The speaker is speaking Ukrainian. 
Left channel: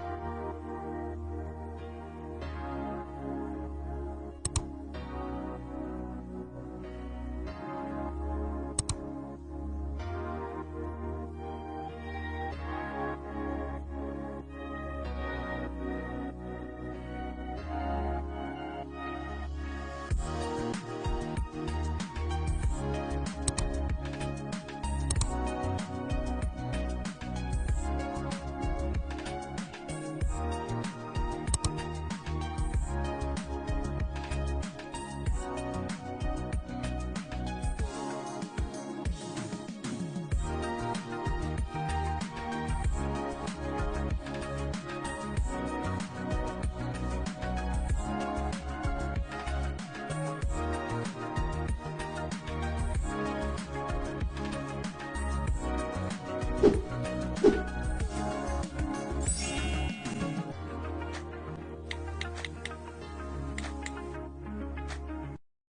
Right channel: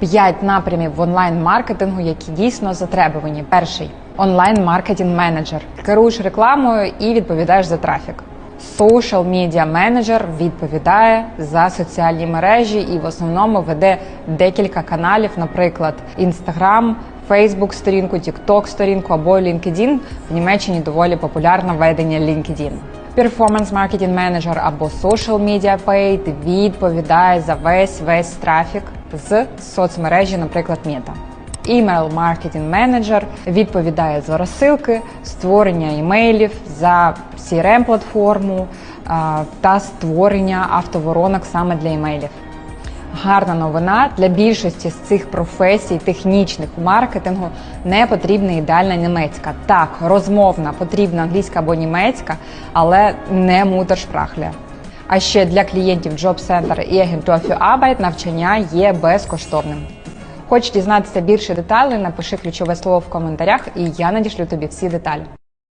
П'ять напрямів в онлайн-маркетингу, які дійсно затребувані. Перший онлайн-маркетинг менеджер. Керуєш рекламою і відповідаєш за трафік. Social Media Manager відповідає за соціальні мережі і в основному веде декілька каналів, наприклад, Instagram, Facebook сторінку, TikTok сторінку або LinkedIn. В Німеччині доволі популярне ведення LinkedIn. Performance Marketing Manager або Social Media Paid відповідає за весь весь трафік з соцмережі, наприклад, Meta. Email Marketing Manager відповідає за розсилки, створення імейлів за crm платформу та створення автоворонок саме для імейлів. Гарна новина для більшості з цих професій, технічних у маркетингу, не потрібна ідеальна німецька. Так, розмовна, потрібна англійська або німецька, але не мутершпрахля. А ще для клієнтів Job Center і für Arbeit навчання є безкоштовним. Хочеш дізнатися більше деталей, напиши ключове слово в коментарях, і я надішлю тобі всі деталі.